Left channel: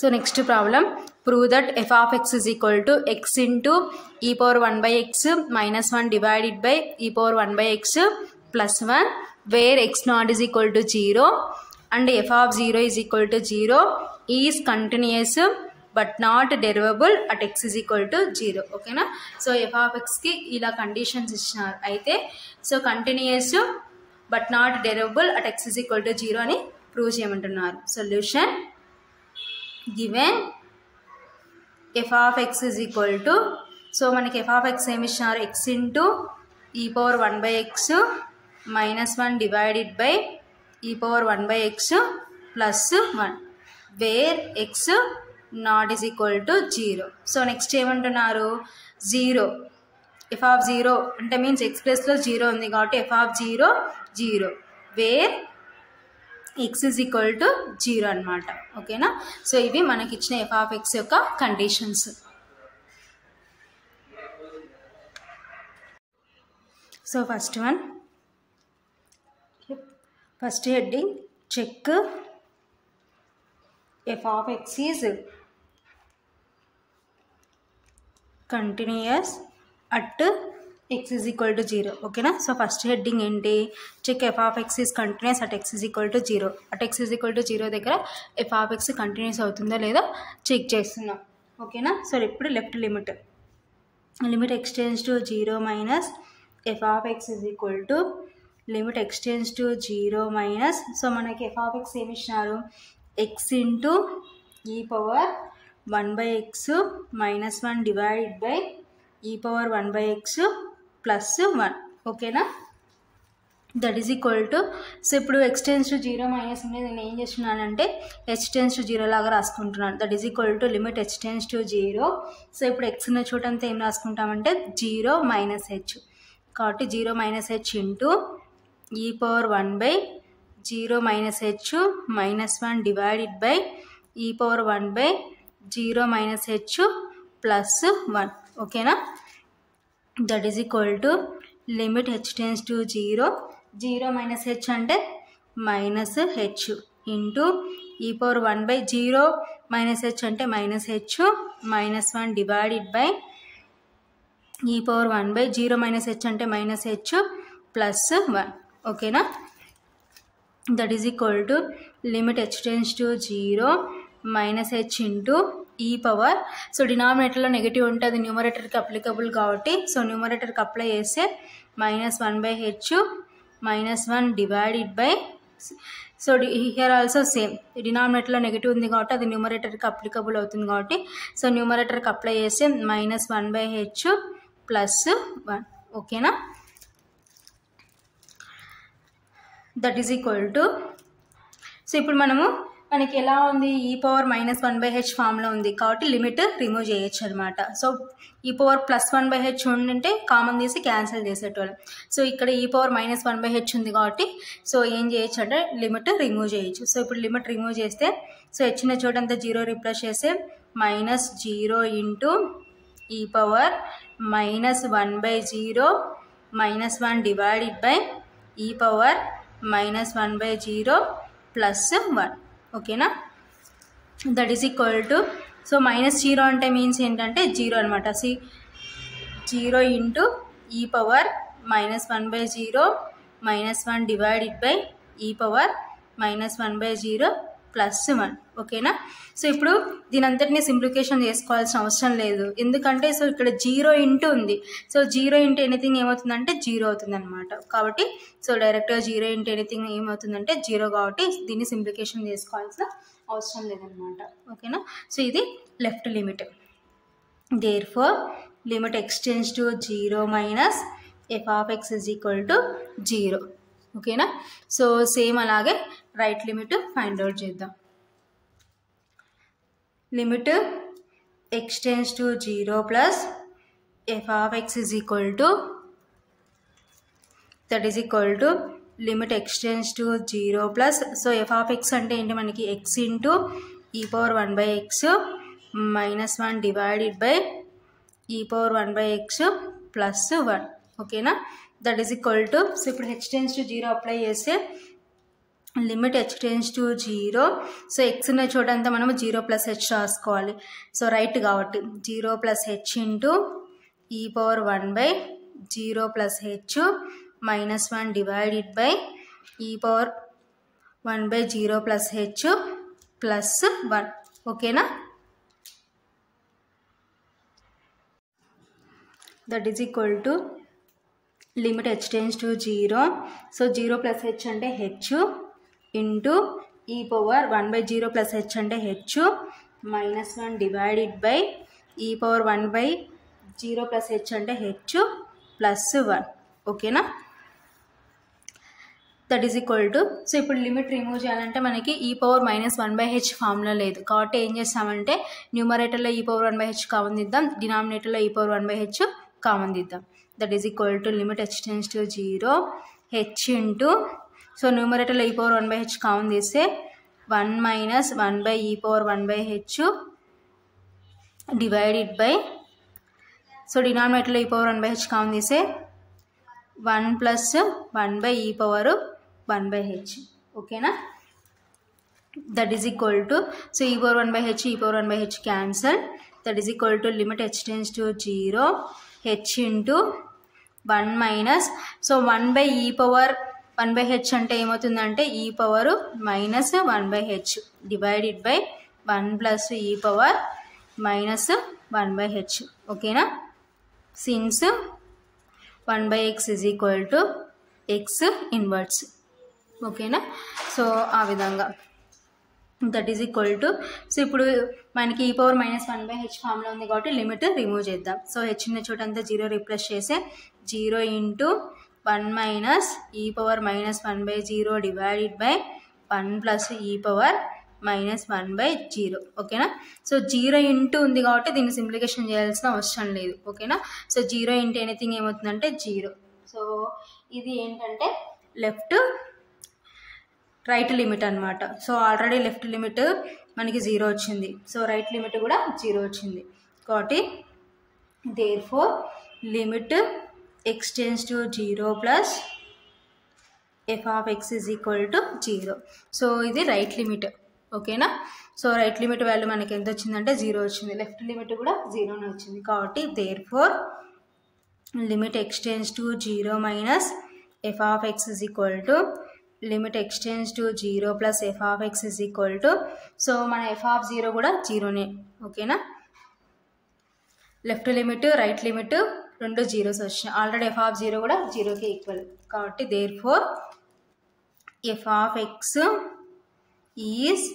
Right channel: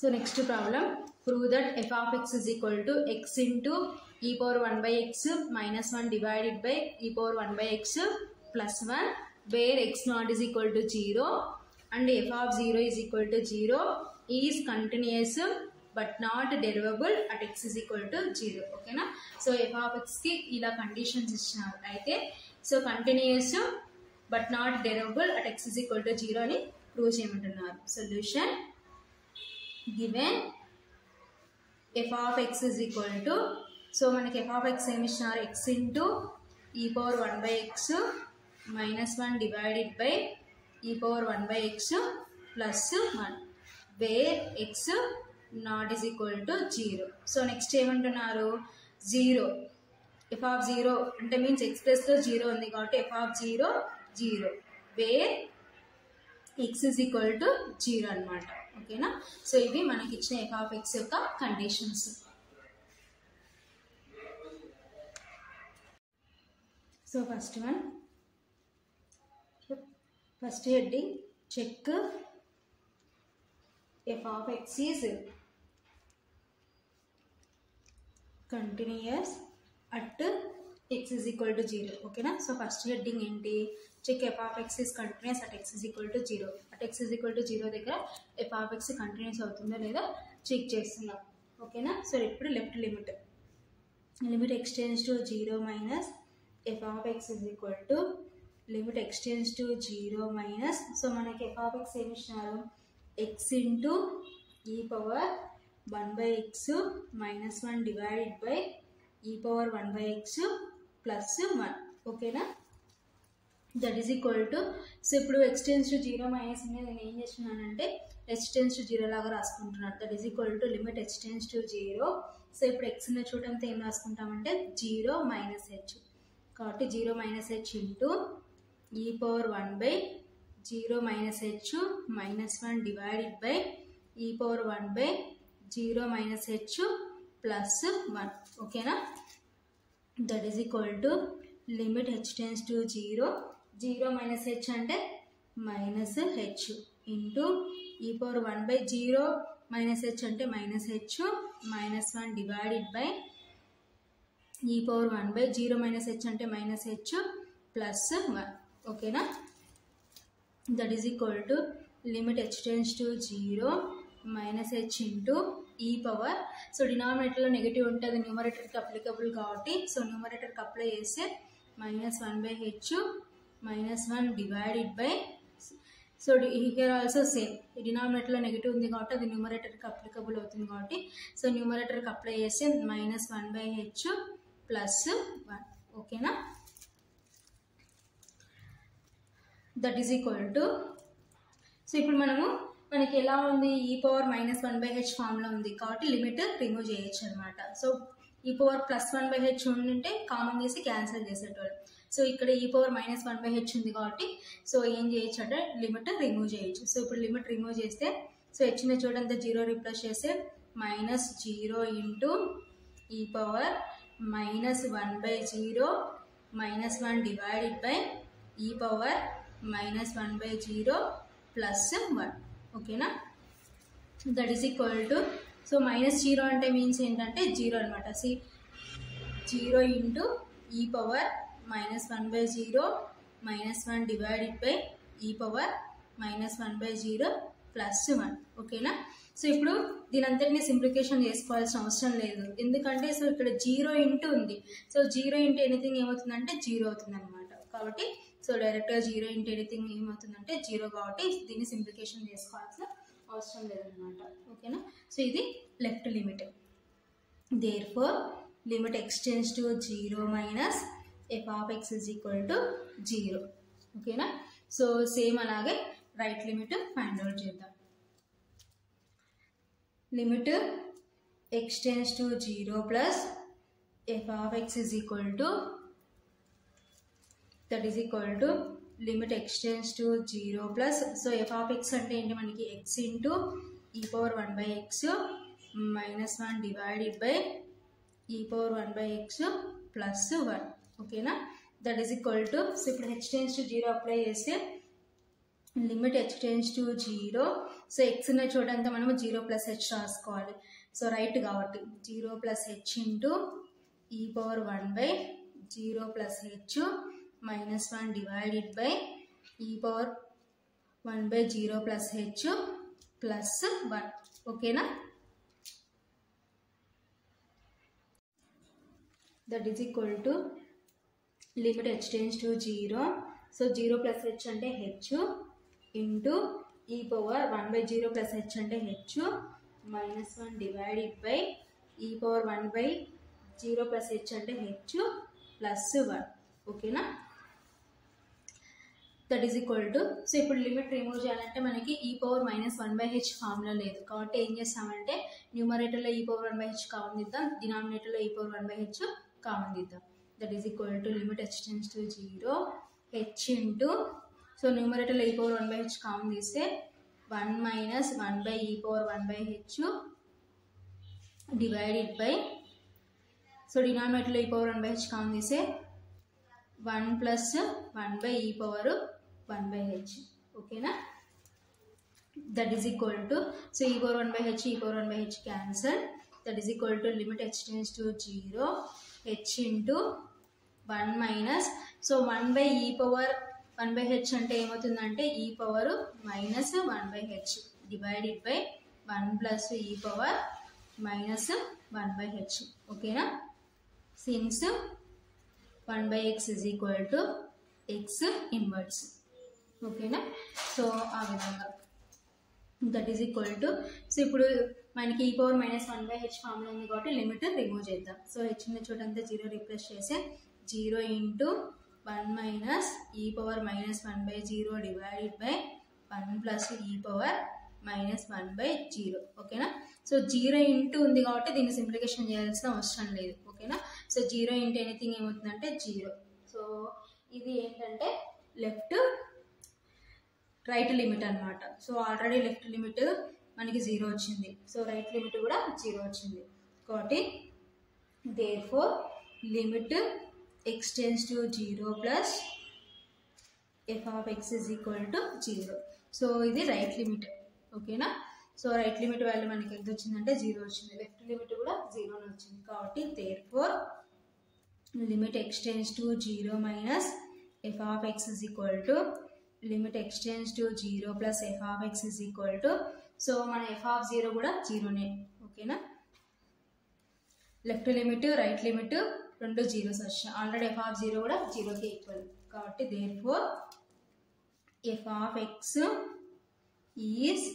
So next problem, prove that f of x is equal to x into e power 1 by x minus 1 divided by e power 1 by x plus 1, where x naught is equal to 0 and f of 0 is equal to 0 is continuous but not derivable at x is equal to 0. Okay na? So f of x ki ila conditions ఇచ్చినారు అయితే so continuous but not derivable at x is equal to 0 అని prove చేయమంటున్నారు. Solution given f of x is equal to, so మనకి f of x ఏమి ఇచ్చినారు, x into e power 1 by x minus 1 divided by e power 1 by x plus 1 where x not is equal to 0. So next ఏమంటున్నారు, 0 f of 0 అంటే means x plus లో 0 ఉంది కాబట్టి f of 0 0 where x is equal to 0 అన్నమాట. ఓకేనా? So ఇవి మనకి ఇచ్చిన f of x యొక్క conditions. So first one, first heading check f of x is continuous at x is equal to 0. ఓకేనా? సో ఫస్ట్ హెడ్డింగ్ ఏంటి, check f of x is continuous at x is equal to 0. at x is equal to 0 దగ్గర f of x continuous అవుతుందో లేదో check చేస్తున్నాం. ఓకేనా? So ఇప్పుడు left limit x tends to 0 minus f of x is equal to limit x tends to 0 minus, so మనకి f of x ఏమి ఇచ్చినారు, x into e power 1 by x minus 1 divided by e power 1 by x plus 1. ఓకేనా? That is equal to, so ఇప్పుడు x tends to 0 minus అనేది నేను ఏం చేస్తున్నానంటే h tends to 0 లాగా రాసుకుంటున్నాను. That is equal to limit h tends to 0. So ఇప్పుడు x ఉన్న చోటంతా ఏం రాసుకుంటామంటే 0 మైనస్ h, కాబట్టి 0 minus h into e power 1 by 0 minus h minus 1 divided by e power 1 by 0 minus h plus 1. ఓకేనా? That is equal to limit h tends to 0 minus h అంటే minus h into e power 1 by 0 minus h అంటే minus h minus 1 divided by e power 1 by 0 minus h అంటే minus h plus 1. ఓకేనా? That is equal to limit h tends to 0 minus h into e power, so డినామినేటర్లో negative ఉంటే అది న్యూమరేటర్కి applicable కాబట్టి so న్యూమరేటర్కి apply చేస్తే minus 1 by h minus 1 divided by, so here also same డినామినేటర్లో negative ఉంది కాబట్టి అది న్యూమరేటర్కి అప్లికబుల్ అవుతుంది కాబట్టి సో న్యూమరేటర్కి అప్లై చేస్తే మైనస్ 1 బై హెచ్ ప్లస్ 1. ఓకేనా? That is equal to, so ఇప్పుడు మనకి ఎలా ఉంది, ఈ పవర్ మైనస్ 1 బై హెచ్ ఫామ్లో ఉంది కాబట్టి లిమిట్ రిమూవ్ చేయొచ్చు అనమాట. So e power plus 1 by h ఉండింటే కామన్ తీసి క్యాన్సిల్ చేసేటోళ్ళం. సో ఇక్కడ e power minus 1 by H ఉంది కాబట్టి సో ఏం చేయొచ్చు అంటే లిమిట్ రిమూవ్ చేయొచ్చు. సో ఇప్పుడు లిమిట్ రిమూవ్ చేస్తే సో హెచ్చిన చోటంతా 0 రీప్లేస్ చేస్తే minus 0 into e power minus 1 by 0 minus 1 divided by e power minus 1 by 0 plus 1. ఓకేనా? That is equal to, so minus 0 అంటే మీన్స్ ఏంటంటే 0 అనమాట. 0 into e power minus 1 by 0 minus 1 divided by e power minus 1 by 0 plus 1. ఓకేనా? So ఇప్పుడు దీని అంతటినీ simplification చేసుకోవాల్సిన అవసరం లేదు, ఎందుకంటే సో ఇక్కడ 0 ఇంటూ ఉంది. సో 0 ఇంటూ ఎనీథింగ్ ఏమవుతుందంటే 0 అవుతుంది అనమాట. కాబట్టి సో డైరెక్ట్గా 0 ఇంటూ ఎనీథింగ్ ఏమవుతుందంటే 0 కాబట్టి దీన్ని సింప్లిఫికేషన్ చేసుకోవాల్సిన అవసరం లేదనమాట. ఓకేనా? సో ఇది left limit. Therefore limit x tends to 0 minus f of x is equal to 0. ఓకేనా? సో సేమ్ అలాగే రైట్ లిమిట్ ఫైండ్ అవుట్ చేద్దాం. Limit x tends to 0 plus f of x is equal to, that is equal to limit x tends to 0 plus, so f of x అంటే ఏంటి మనకి x into e power 1 by x minus 1 divided by e power 1 by x plus 1. ఓకేనా? That is equal to, so ఇప్పుడు h tends to 0 apply చేస్తే limit h tends to 0. So x ఉన్న చోటంతా మనము 0 plus h రాసుకోవాలి. So right కాబట్టి 0 plus H into e power 1/0 plus h minus 1 divided by e power 1/0 plus h plus 1. ఓకేనా? That is equal to limit h tends to 0. So 0 plus h అంటే H into e power 1/0 plus h అంటే h minus 1 divided by e power 1/0 plus h అంటే H plus 1. ఓకేనా? That is equal to, so ఇప్పుడు limit remove చేయాలంటే మనకి ఈ power -1/h formula లేదు కాబట్టి ఏం చేస్తామంటే న్యూమరేటర్లో ఈ పవర్ 1/h కామన్ తీద్దాం, డినామినేటర్లో ఈ పవర్ 1/h కామన్ తీద్దాం. That is equal to limit h tends to 0 h into, so న్యూమరేటర్లో ఈ పవర్ 1/h కామన్ తీస్తే 1 minus 1/e power 1/h divided by, so డినామినేటర్లో ఈ పవర్ 1/h కామన్ తీస్తే 1 plus 1/e power 1/h. ఓకేనా? That is equal to, so e power 1/h ఈ power 1/h cancel. That is equal to limit h tends to 0 h into 1 minus, so 1/e power 1/h అంటే ఏమవుతుందంటే ఈ power minus 1/h divided by 1 plus e power minus 1/h. ఓకేనా? Since 1/x is equal to X inverse. ఓకేనా? So ఆ విధంగా that is equal to, so ఇప్పుడు మనకి ఈ పవర్ -1/h ఫామ్లో ఉంది కాబట్టి లిమిట్ రిమూవ్ చేద్దాం. సో హెచ్ ఉన్న చోటంతా 0 రీప్లేస్ చేస్తే 0 into 1 minus e power -1/0 divided by 1 plus e power -1/0. ఓకేనా? సో 0 ఇంటూ ఉంది కాబట్టి దీన్ని సింప్లికేషన్ చేయాల్సిన అవసరం లేదు. ఓకేనా? సో 0 ఇంటూ ఎనీథింగ్ ఏమవుతుందంటే 0. సో ఇది ఏంటంటే రైట్ లిమిట్ అనమాట. సో ఆల్రెడీ లెఫ్ట్ లిమిట్ మనకి 0 వచ్చింది, సో రైట్ లిమిట్ కూడా 0 వచ్చింది కాబట్టి therefore limit x tends to 0 plus f of x is equal to 0. So ఇది రైట్ లిమిట్. ఓకేనా? సో రైట్ లిమిట్ వాల్యూ మనకి ఎంత వచ్చిందంటే 0 వచ్చింది, లెఫ్ట్ లిమిట్ కూడా 0నే వచ్చింది కాబట్టి therefore limit x tends to 0 minus f of x is equal to limit x tends to 0 plus f of x is equal to, so మన f ఆఫ్ 0 కూడా 0నే. ఓకేనా? లెఫ్ట్ లిమిట్ రైట్ లిమిట్ రెండు zeros వచ్చినాయి, already f of 0 కూడా 0కి equal కాబట్టి therefore f of x is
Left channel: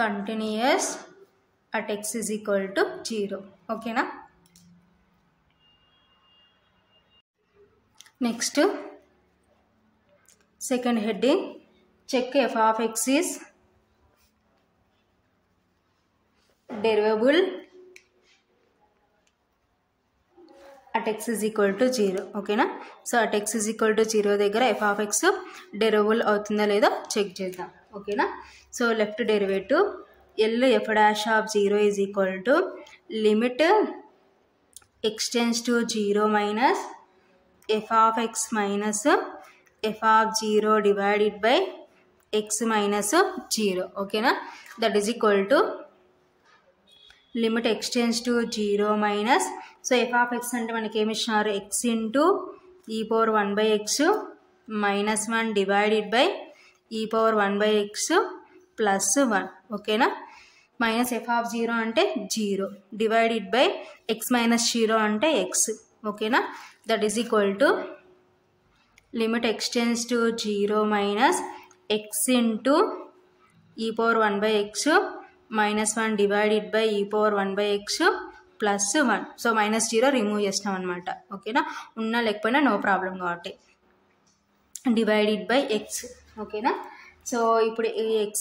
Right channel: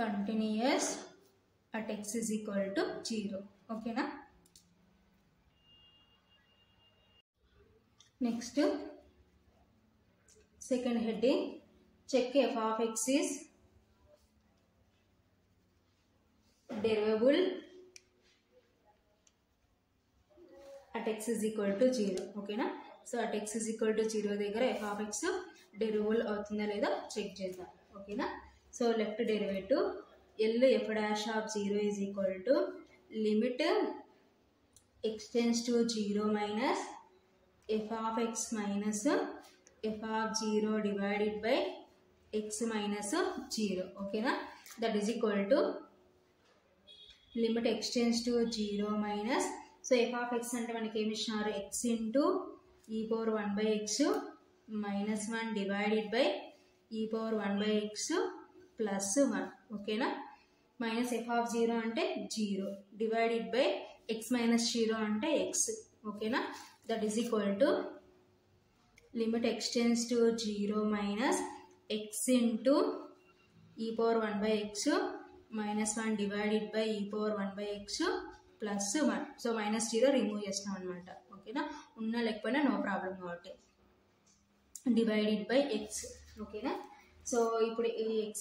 continuous at x is equal to 0. ఓకేనా? Next second heading, check f of x is derivable at x is equal to 0. ఓకేనా? So at x is equal to 0 దగ్గర f of x derivable అవుతుందా లేదో check చేద్దాం. ఓకేనా? So left derivative L F dash of 0 is equal to limit x tends to 0 minus f of x minus f of 0 divided by x minus 0. ఓకేనా? That is equal to limit x tends to 0 minus, so f of x అంటే మనకి ఏమి ఇచ్చినారు x into e power 1/x minus 1 divided by e power 1/x plus 1. ఓకేనా? Minus f of 0 అంటే 0 divided by x minus 0 అంటే x. ఓకేనా? That is equal to limit x tends to 0 minus x into e power 1/x minus 1 divided by e power 1/x plus 1. So -0 remove చేస్తాం అనమాట. ఓకేనా? ఉన్నా లేకపోయినా no problem కాబట్టి divided by x. ఓకేనా? So ఇప్పుడు ఈ x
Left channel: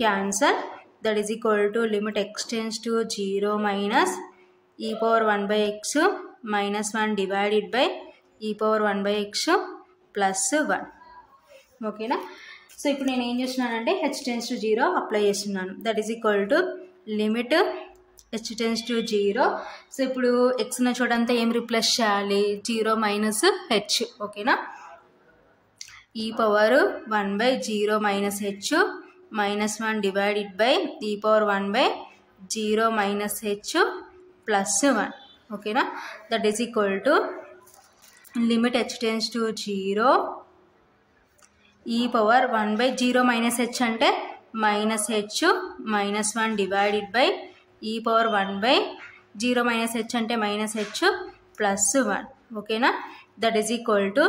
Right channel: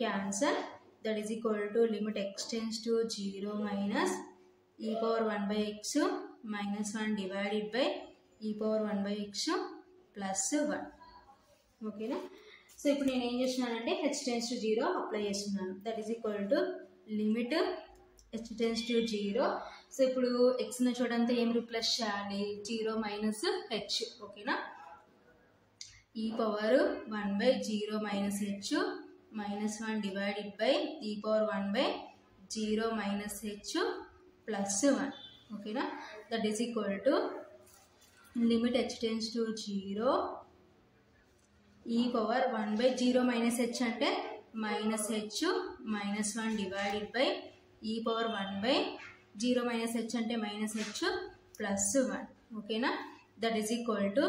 cancel. That is equal to limit x tends to 0 minus e power 1/x minus 1 divided by e power 1/x plus 1. ఓకేనా? సో ఇప్పుడు నేను ఏం చేస్తున్నానంటే h టెన్స్ టు 0 అప్లై చేస్తున్నాను. That is equal to limit h tends to 0. So ఇప్పుడు x ఉన్న చోటంతా ఏం replace చేయాలి 0 మైనస్ h. ఓకేనా? e power 1 by 0 minus h minus 1 divided by e power 1 by 0 minus h plus 1. Okay na? That is equal to limit h tends to 0 e power 1 by 0 minus h ante minus h minus 1 divided by e power 1 by 0 minus h ante minus h plus 1. Okay na? That is equal to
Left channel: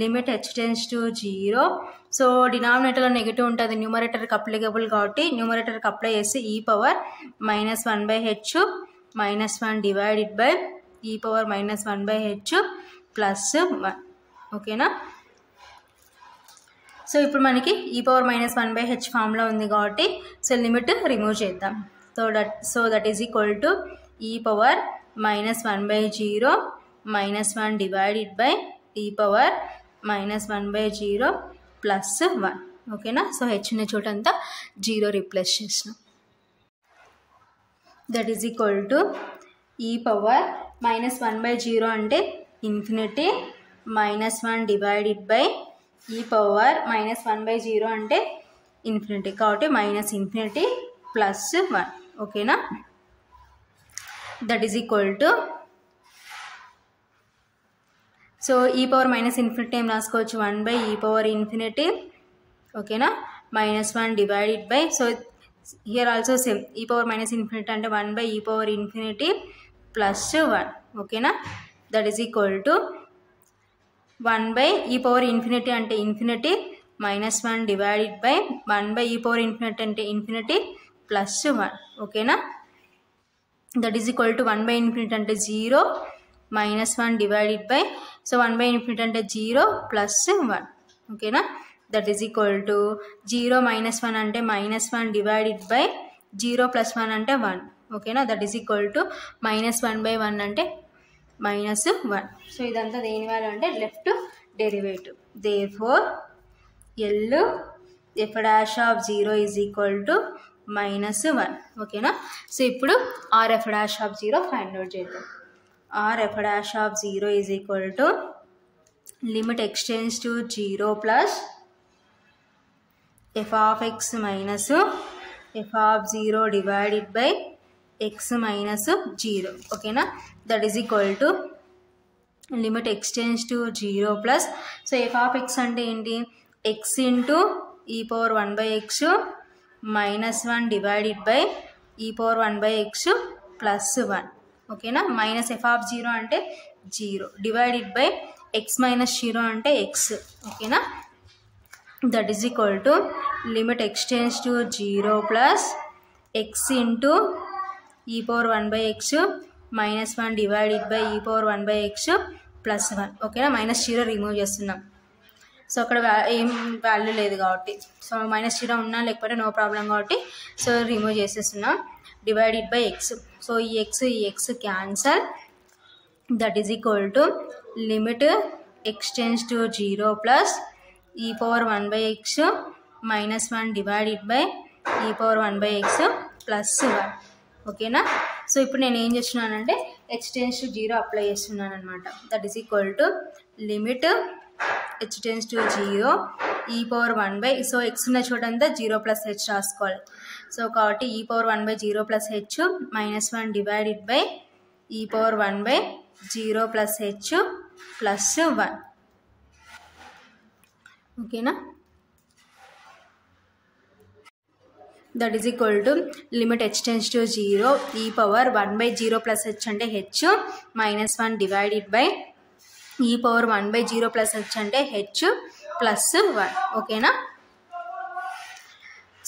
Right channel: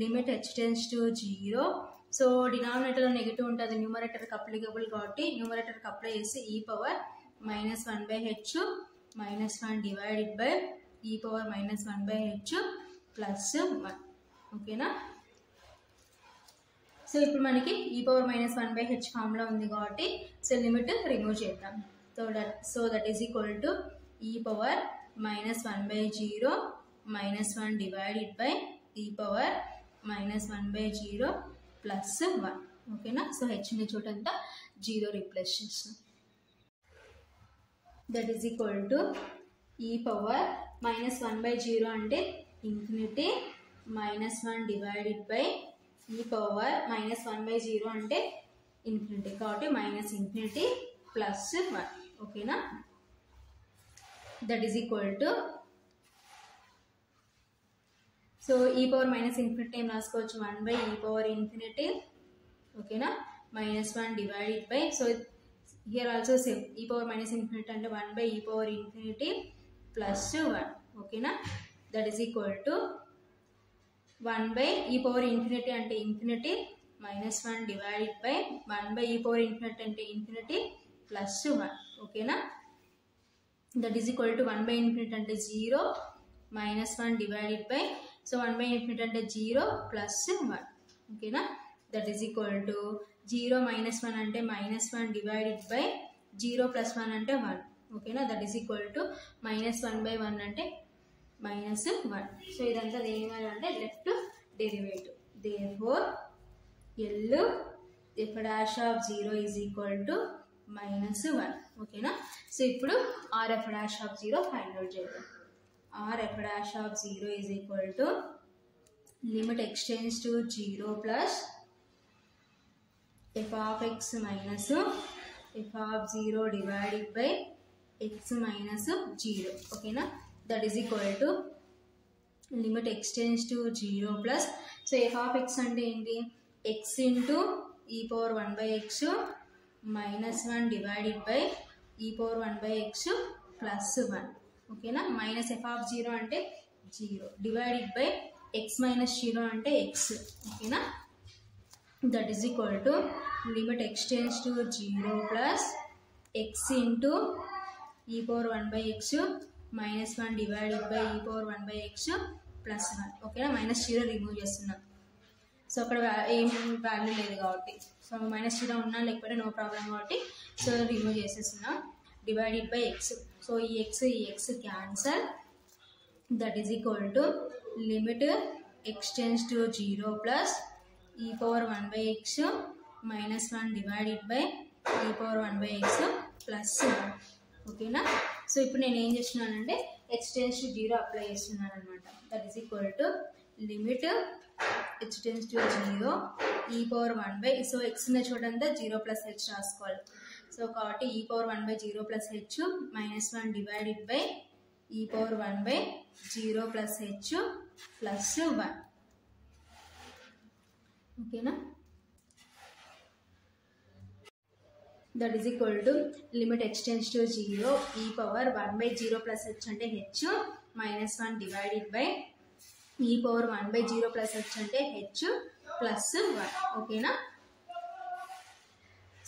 limit h tends to 0. So డినామినేటర్లో negative ఉంటుంది, న్యూమరేటర్కి applicable కాబట్టి న్యూమరేటర్కి apply చేసి e power minus 1 by h minus 1 divided by e power minus 1 by h plus 1. ఓకేనా? So ఇప్పుడు మనకి ఈ పవర్ మైనస్ 1 బై హెచ్ ఫామ్లో ఉంది కాబట్టి సో లిమిట్ రిమూవ్ చేద్దాం. So that is equal to e power minus 1 by 0 minus 1 divided by e power minus 1 by 0 plus 1. ఓకేనా? So h ఉన్న చోటంతా 0 రీప్లేస్ చేసినాం. That is equal to e power minus 1 by 0 అంటే infinity minus 1 divided by e power minus 1 by 0 అంటే infinity కాబట్టి minus infinity plus 1. ఓకేనా? That is equal to so e power minus infinity ఏం రాసుకోవచ్చు 1 by e power infinity. ఓకేనా? Minus 1 divided by so here also same ఈ power minus infinity అంటే 1 by e power infinity plus 1. ఓకేనా? That is equal to 1 by e power infinity అంటే infinity minus 1 divided by 1 by e power infinity అంటే infinity plus 1. ఓకేనా? That is equal to 1 by infinity అంటే 0 minus 1 divided by so 1 by infinity అంటే 0 plus 1. ఓకేనా? That is equal to 0 minus 1 అంటే minus 1 divided by 0 plus 1 అంటే 1. ఓకేనా? That is equal to minus 1 by 1 అంటే minus 1. So ఇదంతా దేని వాల్యూ అంటే left derivative. Therefore L F dash of 0 is equal to minus 1. ఓకేనా? సో ఇప్పుడు R F dash of 0 find out చేద్దాం. R F dash of 0 is equal to limit x tends to 0 plus f of x minus f of 0 divided by x minus 0. ఓకేనా? That is equal to limit x tends to 0 plus so F of X అంటే ఏంటి X into e power 1 by x minus 1 divided by e power 1 by x plus 1. ఓకేనా? Minus f of 0 అంటే 0 divided by x minus 0 అంటే x. ఓకేనా? That is equal to limit x tends to 0 plus x into e power 1 by x minus 1 divided by e power 1 by x plus 1. ఓకేనా? Minus 0 remove చేస్తున్నాం. So అక్కడ ఏం value లేదు కాబట్టి so minus 0 ఉన్నా లేకపోతే నో ప్రాబ్లం కాబట్టి so remove చేసేస్తున్నాం. డివైడెడ్ బై ఎక్స్ సో ఈ x cancel. That is equal to limit x tends to 0 plus e power 1 by x minus 1 divided by e power 1 by x plus 1. ఓకేనా? So ఇప్పుడు నేను ఏం చేస్తున్నానంటే X tends to 0 apply చేస్తున్నాను అనమాట. That is equal to limit h tends to 0 e power 1 by so x ఉన్న చోటంతా 0 plus h రాసుకోవాలి. సో కాబట్టి e power 1 by 0 plus h minus 1 divided by e power 1 by 0 plus h plus 1. ఓకేనా? That is equal to limit h tends to 0 e power 1 by 0 plus h అంటే h minus 1 divided by e power 1 by 0 plus h అంటే H plus 1. ఓకేనా?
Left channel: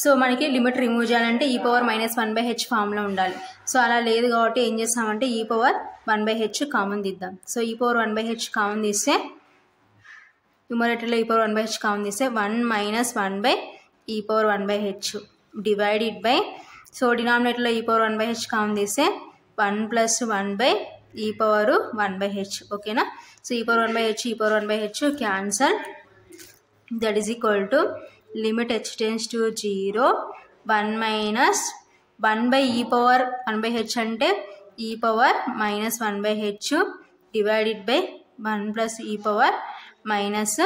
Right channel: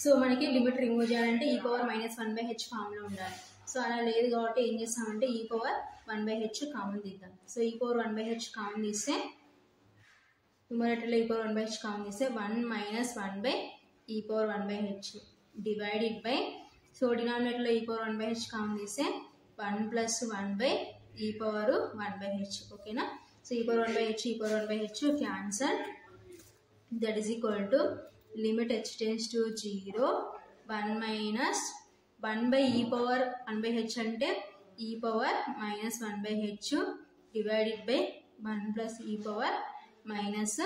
So మనకి limit remove చేయాలంటే ఈ power minus 1 by H ఫామ్లో ఉండాలి. So అలా లేదు కాబట్టి ఏం చేస్తామంటే ఈ పవర్ 1 బై హెచ్ కామన్ తీద్దాం. So e power 1 by h common తీస్తే న్యూమరేటర్లో e power 1 by h common తీస్తే 1 minus 1 by e power 1 by h divided by so డినామినేటర్లో e power 1 by h common తీస్తే 1 plus 1 by e power 1 by h. ఓకేనా? So e power 1 by h e power 1 by h cancel. That is equal to limit h tends to 0 1 minus 1 by e power 1 by h అంటే e power minus 1 by h divided by 1 plus e power minus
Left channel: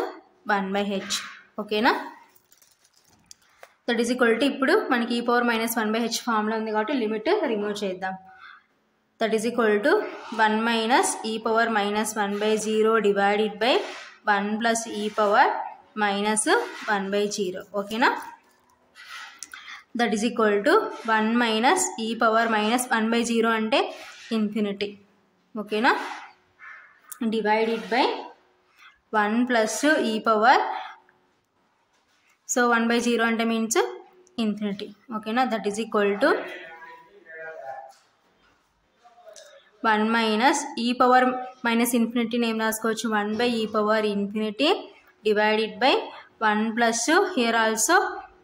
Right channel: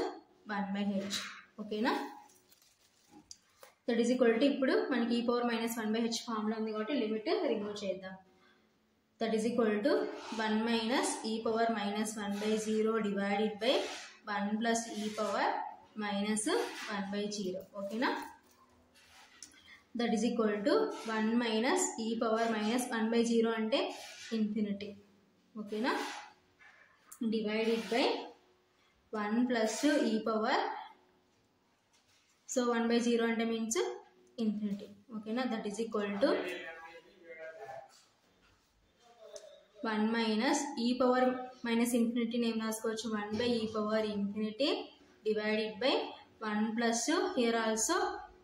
1/h. ఓకేనా? That is equal to ఇప్పుడు మనకి e power minus 1/h ఫామ్లో ఉంది కాబట్టి limit remove చేద్దాం. That is equal to 1 minus e power minus 1/0 divided by 1 plus e power minus 1/0. ఓకేనా? That is equal to 1 minus e power minus 1/0 అంటే infinity. ఓకేనా? Divided by 1 plus e power, so 1/0 అంటే means infinity. ఓకేనా? That is equal to 1 minus e power minus ఇన్ఫినిటీని ఏం రాసుకోవచ్చు, 1/e power infinity divided by 1 plus here also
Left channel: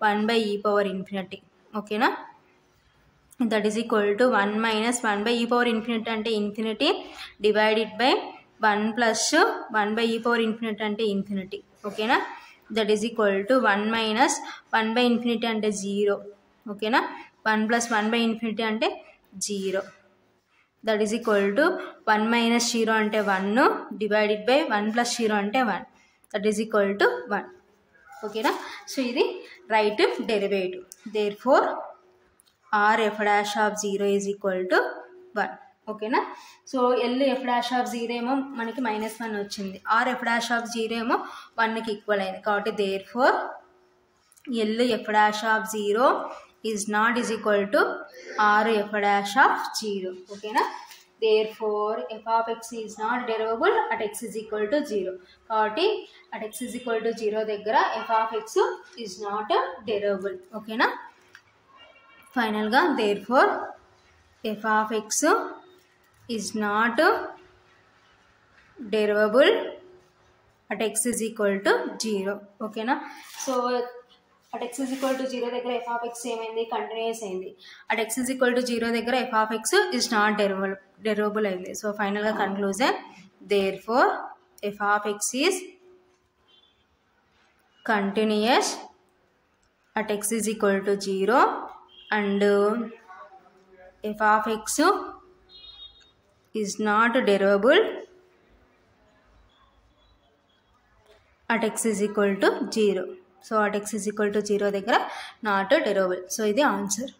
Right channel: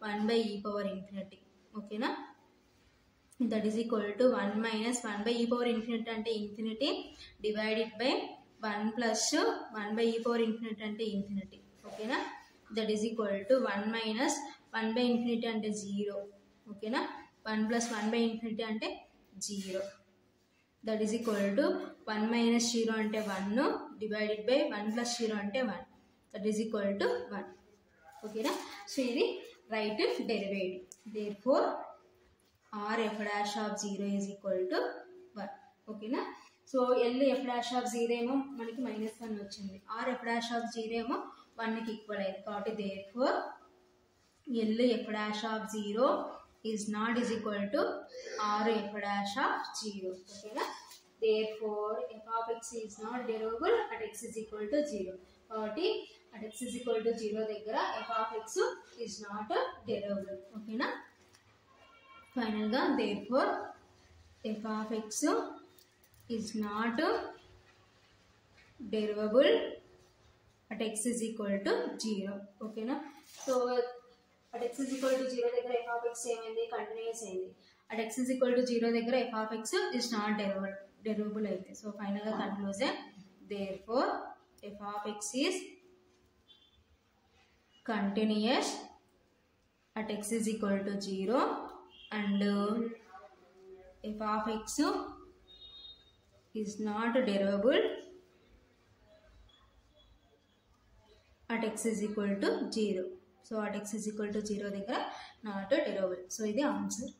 1/e power infinity. ఓకేనా? That is equal to 1 minus 1/e power infinity అంటే infinity divided by 1 plus 1/e power infinity అంటే infinity. ఓకేనా? That is equal to 1 minus 1/ఇన్ఫినిటీ అంటే 0. ఓకేనా? 1 plus 1/ఇన్ఫినిటీ అంటే 0. That is equal to 1 minus 0 అంటే 1 డివైడెడ్ బై 1 ప్లస్ 0 అంటే 1. That is equal to 1. ఓకేనా? సో ఇది right derivative. Therefore R F dash of 0 is equal to 1. ఓకేనా? So L F dash of 0 ఏమో మనకి -1 వచ్చింది, ఆర్ ఎఫ్ డాష్ ఆఫ్ 0 ఏమో 1కి ఈక్వల్ అయింది కాబట్టి therefore L F dash of 0 is not is equal to R F dash of 0. ఓకేనా? Therefore f of x is not derivable at x is equal to 0 కాబట్టి at x is equal to 0 దగ్గర f of x is not derivable. ఓకేనా? ఫైనల్గా therefore f of x is not derivable at x is equal to 0. ఓకేనా? So at x is equal to 0 దగ్గర f of x ఏమైంది, continuous అయింది. at x is equal to 0 దగ్గర f of x is not derivable అయింది. So ఫైనల్గా conclusion therefore f of x is continuous at x is equal to 0 and f of x is not derivable at x is equal to 0. So at x is equal to 0 దగ్గర not derivable. So ఇది answer.